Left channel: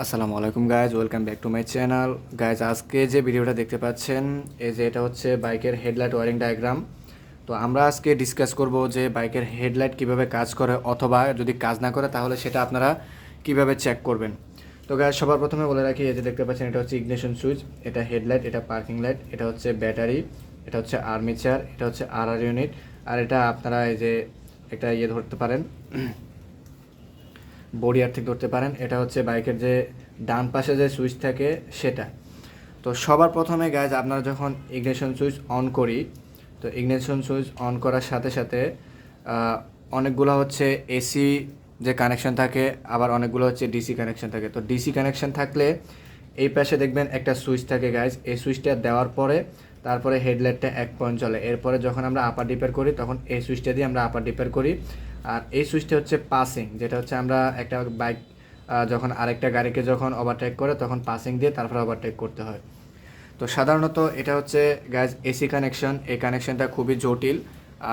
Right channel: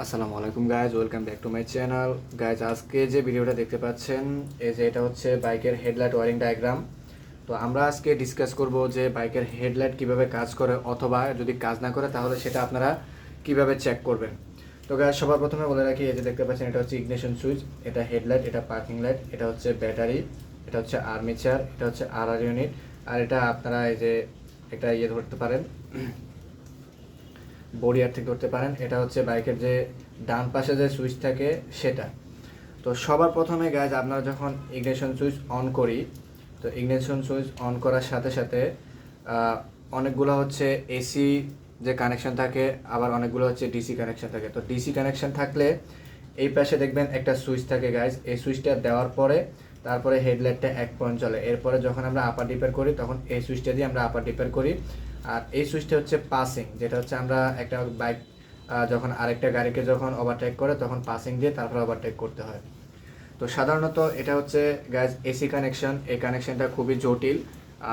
আসসালামু আলাইকুম guys, welcome back to my channel. Guys, আজকে যে ভিডিওটা দেখতে পাচ্ছেন, এই যে এটা হচ্ছে বাইকের হেডলাইট ওয়ারিং ডায়াগ্রাম। তো আমরা আজকে ডিসকাস করব যে বাইকের হেডলাইট কিভাবে কাজ করে, অথবা যদি কাজ না করে তাহলে সেটা আপনারা কিভাবে চেক করবেন। তো গাইজ, সবার প্রথমে বলে রাখি, এই যে দেখতে পাচ্ছেন এটা হচ্ছে ইগনিশন সুইচ, এটা হেডলাইট, এটা পার্কিং লাইট, এটা হচ্ছে ব্যাটারি, এটা হচ্ছে আর্মিচার, এটা হচ্ছে আর ইউনিট, আর এটা আপনারা এই যে একটা ধরতে পারেন, বডি আর্থিং করতে পারেন। এটা হচ্ছে বাইকের যে ডান পাশে যে সুইচ থাকে সেটা। তো সবার প্রথমে গাইজ, আপনারা যখন ইগনিশন সুইচ অন করি, তো ইগনিশন সুইচ অন করার সাথে সাথে অনেকগুলো হচ্ছে এসি যে কানেকশন থাকে, আবার অনেকগুলো হচ্ছে ডিসি কানেকশন থাকে। তো ডিসি কানেকশন থাকলে এই পাশে দেখবেন একটা সুইচ থাকে গাইজ, এই সুইচটা দেওয়ার পরে তারপরে হেডলাইটটা 1 পয়েন্ট চলে। এরপরে যখন আমরা আপার ডিপার করি তখন এই সুইচটা দিয়ে আমরা আপার ডিপার করি। আর এই সুইচটা হচ্ছে পাসিং, যেটা হচ্ছে আমরা একটা বাইক যখন আরেকটা গাড়িকে যখন ওভারটেক করে তখন পাসিং দিয়ে তারপরে ওভারটেক করতে হয়। তো সাধারণত এটা হচ্ছে গাইজ এসি কানেকশন। এই কানেকশনটা খুবই জটিল,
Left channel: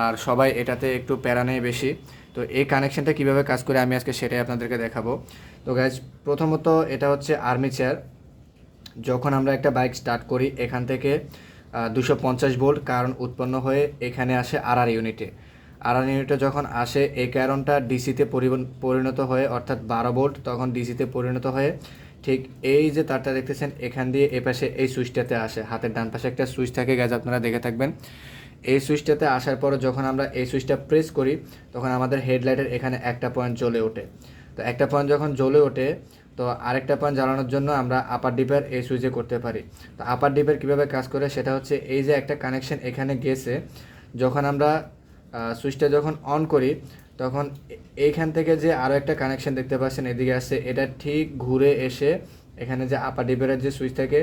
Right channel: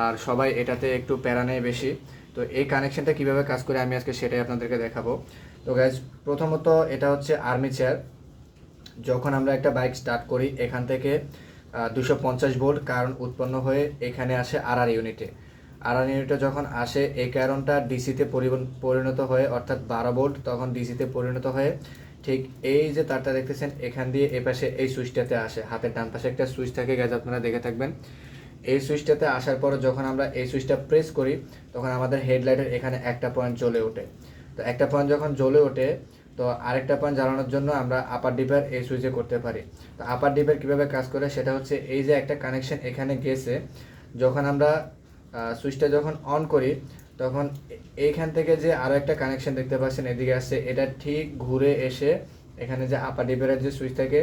আর সবাই এটাতে একটু প্যারা নেয় বেশি। তো এই কানেকশনটা কীভাবে কাজ করে আমি আজকে সেটাই আপনাদেরকে দেখাবো। তো গাইজ, প্রথমত এটা হচ্ছে আর্মিচার। যখন আমরা একটা বাইক স্টার্ট করি, এখান থেকে 250 ভোল্ট কারেন্ট উৎপন্ন হয়ে এখানে আসে আর ইউনিটে। ইউনিটে যখন আসে, এই কারেন্টটা ডিসিতে পরিণত হয়ে, অর্থাৎ 12 ভোল্ট তখন ডিসিতে পরিণত হয়ে ঠিক এই যে তারটা দেখতেছেন এখান দিয়ে এ পাশে এই সুইচটাতে আসে। হাতের ডান পাশে একটা সুইচ থাকে গাইজ, আপনারা দেখে থাকবেন। এই সুইচটাতে আসার পর যখন আমরা এই সুইচটা প্রেস করি তখন আমাদের হেডলাইটের এখানে একটা পয়েন্ট জ্বলে ওঠে। তো একটা পয়েন্ট যখন জ্বলে ওঠে, তো আরেকটা পয়েন্ট জ্বালানোর জন্য আমরা আপার ডিপার এই সুইচে করতে পারি। তো আপার ডিপার কীভাবে কাজ করে সেটা হচ্ছে, এই যে একটা কানেকশন এখানে গেছে, যখন আমরা সুইচটা যখন অন করি তখন এইখান থেকে যে আরও একটা কানেকশন দেখতে পাচ্ছেন এদিকে আসছে, এটা ঠিক ঘুরে এসে এখানে যে আপার ডিপারের যে সুইচ থাকে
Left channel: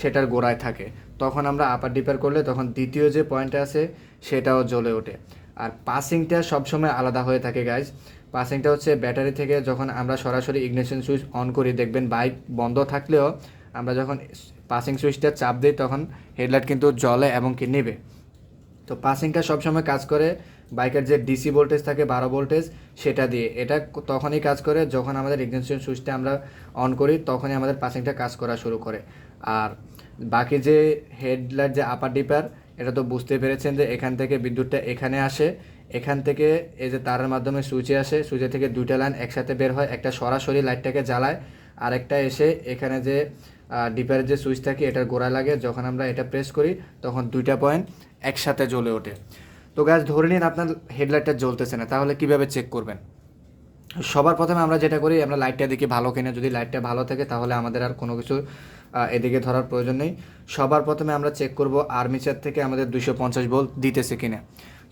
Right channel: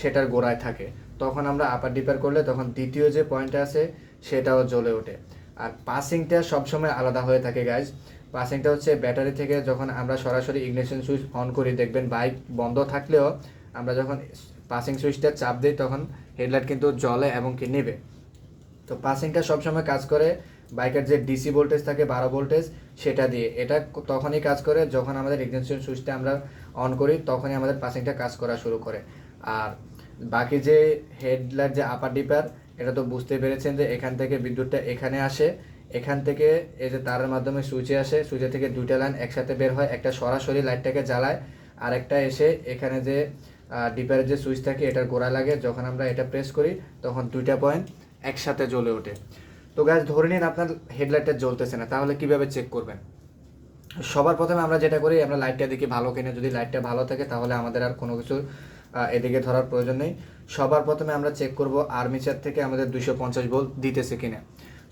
সেটার গোড়ায় থাকে। তখন আমরা আপার ডিপার করলে তখন দ্বিতীয় যে পয়েন্টটা আছে সেটাও জ্বলে ওঠে। আর পাসিংটা সবসময় আলাদা হয়ে থাকে গাইজ। পাসিংটা হচ্ছে ব্যাটারি থেকে যখন আমরা সরাসরি ইগনিশন সুইচ অন করি, দেখবেন বাইক বন্ধ থাকলেও আমরা যখন পাসিং সুইচটা চাপ দিই তখন হেডলাইট কিন্তু জ্বলে এবং কি নেবে। তো পাসিংটা সবসময় কাজ করে বাইকের যে ডিসি ভোল্টেজ থাকে 12 ভোল্টেজ, সেটা দিয়ে। এটা তখনই কাজ করে যখন আমাদের ইগনিশন সুইচটা আমরা অন করি, তখনই আমাদের পাসিংটা কাজ করা শুরু করে। আর বাকি যে হেডলাইট যে আপার ডিপার, এটা তো বুঝতে পেরেছেন যে এখান থেকে বিদ্যুৎটা এখানে আসে, এখান থেকে এই যে তারের মাধ্যমে সুইচে আসে, সুইচে থেকে দুইটা লাইন একসাথে বের হয়, একটা সরাসরি লাইটটাকে জ্বালায়, আরেকটা এসে এখানে যে ডিপারের যে সুইচ থাকে এটার গোড়ায় লাগে। যখন আমরা এটা প্রেস করি তখন দুইটা পয়েন্ট একসাথে জ্বলে ওঠে। তো গাছ, ধরে নিন আপনার হেডলাইটটা জ্বলতেছে না, তাহলে কিভাবে চেক করবেন? সবার প্রথমে আমরা যেটা করি, আমরা লাইটটা দেখি ভালো কিনা। যদি লাইটটা ভালো থাকে তাহলে আমাদের আর কোনো কিছু এদিকে ধরার প্রয়োজন নেই। সবার প্রথমে আমরা চেক করব আর্মিচার থেকে আমাদের 250 ভোল্ট দিতেছে কিনা।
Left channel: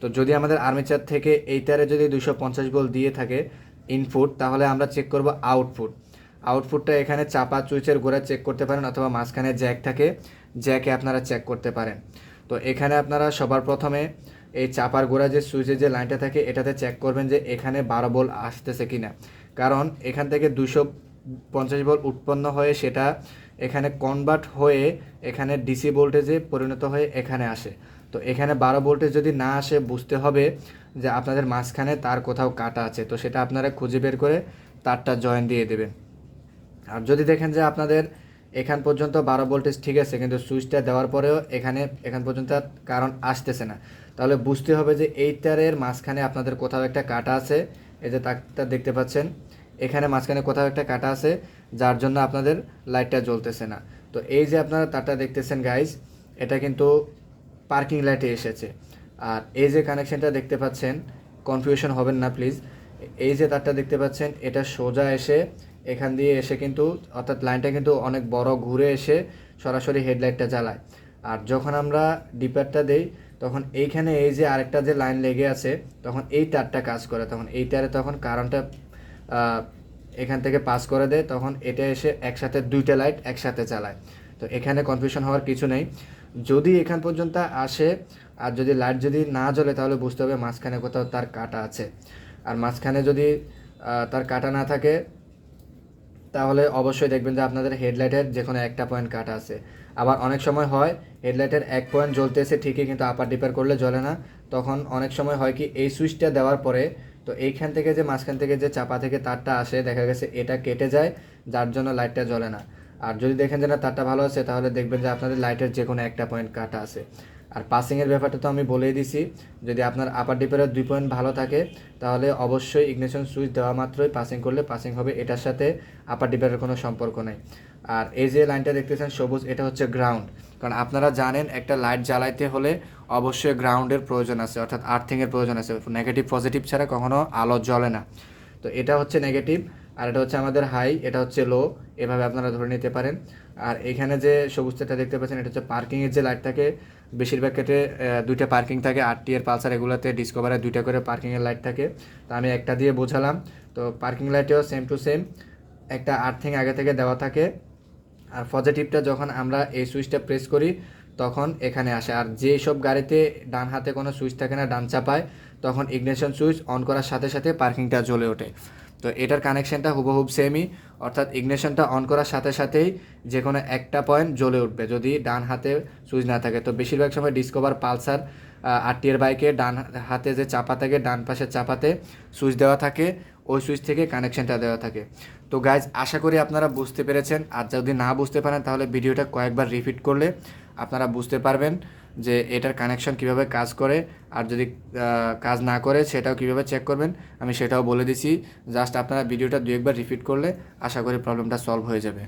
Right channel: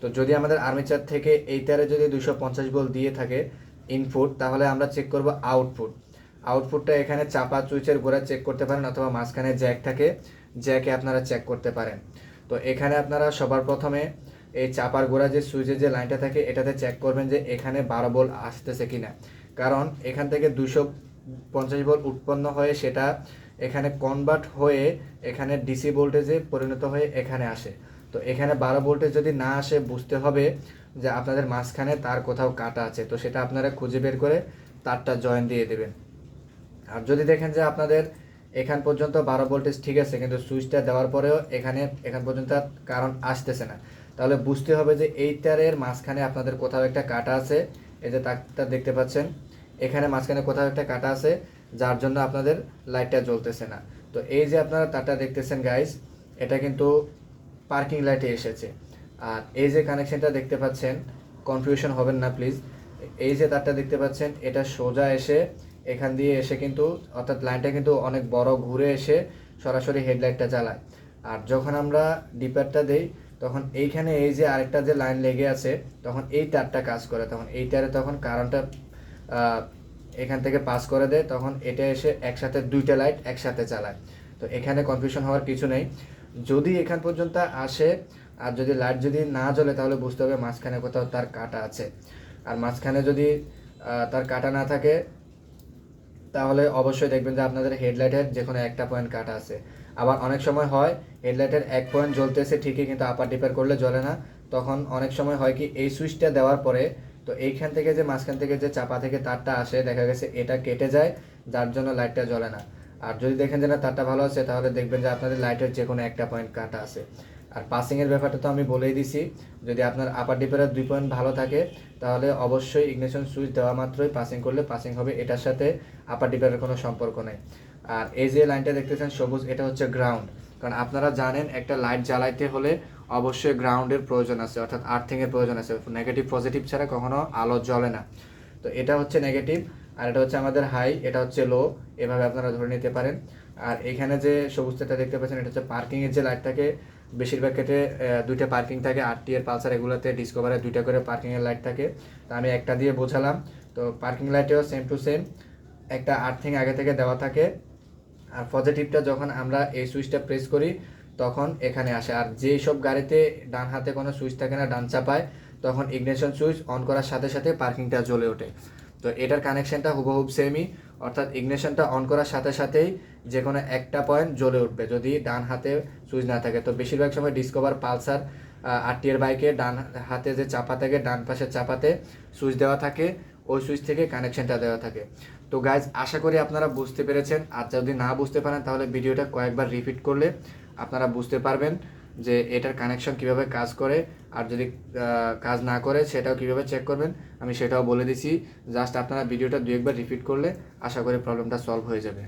তো যদি আমাদের আর্মিচার থেকে এইটারে যদি 250 ভোল্ট দিয়ে থাকে ইনপুট, তাহলে আমরা চেক করব আউটপুট। আউটপুটটা এখানে চাপা সুইচের গোড়ায় চেক করতে পারেন, অথবা মাঝখানে জ্যাক থাকে, জ্যাকে আপনারা চেক করতে পারেন। তো এখানে আপনারা সবার প্রথমে এই চাপার গোড়া যে সুইচের যে লাইনটা থাকে এটাতে চেক করবেন যে এখানে 12 ভোল্ট আসতেছে কিনা। কারণ এখান থেকে 250 ভোল্ট উৎপন্ন হয়ে সেটা এখানে কনভার্ট হয়ে এখানে ডিসি ভোল্টেজে পরিণত হয়ে এখানে আসে। তো এখানে 12 ভোল্টেজ যদি না আসে, বুঝতে হবে যে আপনাদের মাঝখানে তার কোথাও কাটা আছে। তো সেটা আপনারা খুঁজে বের করে তারটা জয়েন দিয়ে দেবেন। আর যদি দেখেন যে আপনাদের এখান পর্যন্ত 12 ভোল্টেজ ঠিক আছে, কিন্তু সুইচটা দেওয়ার পরেও এখান পর্যন্ত কারণ আসতেছে না, তাহলে বুঝতে হবে যে এই তারের মাঝখানে আপনাদের কোথাও একটা কাটা আছে। এই যে তারটা দেখতে পাচ্ছেন, এখানে মাঝখানে কোথাও একটা কাটা আছে, যার জন্য আপনাদের লাইটটা জ্বলতেছে না। তো এই যে আপনারা তারটা দেখতেছেন গাইস, এটা কিন্তু পার্কিং লাইটে এসেছে। আর এই যে কানেকশনটা দেখতে পাচ্ছেন, কনফিউশন হবেন না প্লিজ। এই যে তারটা দেখতে পাচ্ছেন, এটা সোজা এসে এখান দিয়ে এসে কিন্তু, অর্থাৎ লাইনটা কিন্তু অনেক বড় ঘুরে এসে সরাসরি হেডলাইটটা জ্বালায়। আর যখন আমরা ডিপারটা দেই তখন এইখানে এই যে আরেকটা যে লাইন লেগে আছে, তখন এই তারটা কাজ করে, তখন এই তারে তখন কারেন্টটা এখান থেকে পাস করে দেয়, তখন এটা এসে একসাথে দুইটা লাইট একসাথে চালায়। তো এখানে কনফিউশন হওয়ার কিছু নেই। যদি এখান পর্যন্ত আসে আর যদি লাইট যদি না জ্বলে, তাহলে বুঝতে হবে মাঝখানে কোথাও তার কাটা আছে। আর মাঝখানে যদি তার কাটা না থাকে, তাহলে অবশ্যই দেখবেন যে আপনাদের হেডলাইটের যে কোনো একটা পয়েন্ট কাটা আছে। আবার অনেক সময় হয় হেডলাইটের এক পয়েন্ট জ্বলতেছে ঠিকই, কিন্তু আপার ডিপার করলে জ্বলে না। তখন অনেক সময় হয় কি, এই সুইচটা দেওয়ার পরে তো এইখান থেকে যে মাঝখান থেকে যে চাপা থেকে তারটা আসে, দেখা গেছে এটা কেটে যায়, যার জন্য লাইটটা জ্বলে না। আর যদি দেখেন যে না তারটা ভালো আছে, তাহলে দেখবেন যে আপনাদের লাইটের যে কোনো একটা পয়েন্ট কাটা আছে। আর পাসিংয়ের ব্যাপারটা তো আমি বলেই দিছি, যদি আপনার আপার ডিপের 2 পয়েন্ট ভালো থাকে তাহলে অবশ্যই ইগনিশন সুইচ দেওয়া মাত্রই পাসিং করলে পাসিং হবে, এটার সাথে আপার ডিপের কোনো সম্পর্ক নেই। আর এই যে লাইনটা দেখতেছেন সবুজ, এটা হচ্ছে গ্রাউন্ড। কারণ আপনারা জানেন একটা লাইট জ্বালাইতে হলে অবশ্যই গ্রাউন্ডের প্রয়োজন আছে, অর্থাৎ আর্থিংয়ের প্রয়োজন আছে। নেগেটিভ পজিটিভ ছাড়া কখনো আলো জ্বলে না। তো এটা হচ্ছে নেগেটিভ, আর এটা হচ্ছে আমাদের হাই, এটা হচ্ছে লো, এভাবে আপনারা ধরে নিতে পারেন। আর এখানে যে সবুজটা দেখতে পাচ্ছেন এটা হচ্ছে পার্কিংয়ের যে লাইট থাকে, বেশিরভাগ ক্ষেত্রে 2টা পার্কিং থাকে, আরটি এর পালসার এগুলোতে, ডিসকভারে 2টা করে পার্কিংয়ের লাইট থাকে। তো আমি একটা দিয়ে বোঝালাম। তো পার্কিং লাইটেও সেম টু সেম একটা আর্থিং আগে থেকে দেওয়া থাকে। আর পজিটিভটা যখন আমরা এই সুইচটা প্রেস করি তখন এখানে আসে। আর যেই সব গাড়িতে ডান হাতে কোনো সুইচ থাকে না, ডান চাপায়, তখন ইগনিশন সুইচ অন করার সাথে সাথে পার্কিংটা জ্বলে ওঠে। তো এটার কানেকশনটা হুবহুব সেমই, অর্থাৎ ইগনিশনটা অন করার সাথে সাথেই যে কোনো একটা পয়েন্ট জ্বলে উঠবে যদি ডান হাতে সুইচ না থাকে। তো বেশিরভাগ সময় ডিসকভার, পালসার, আরটি এর বাইকে ডান হাতে যে চাপা থাকে, ডান পাশের চাপাতে সুইচ দেওয়া থাকে, ওই সুইচ থেকে কানেকশনটা দেওয়া থাকে। তো গাইজ, আশা করি আপনারা বুঝতে পেরেছেন। আর যদি না বুঝতে পারেন তাহলে ভিডিওটা কয়েকবার রিপিট করলে আপনারা বুঝতে পারবেন যে এটার কানেকশন কিভাবে কাজ করে। আর যদি কাজ না করে সেটাও কিভাবে চেক করবেন আমি সেটাও বলে দিছি। জাস্ট আপনারা ভিডিওটা 2 একবার রিপিট করলে আশা করি প্রবলেমটা সলভ হয়ে যাবে।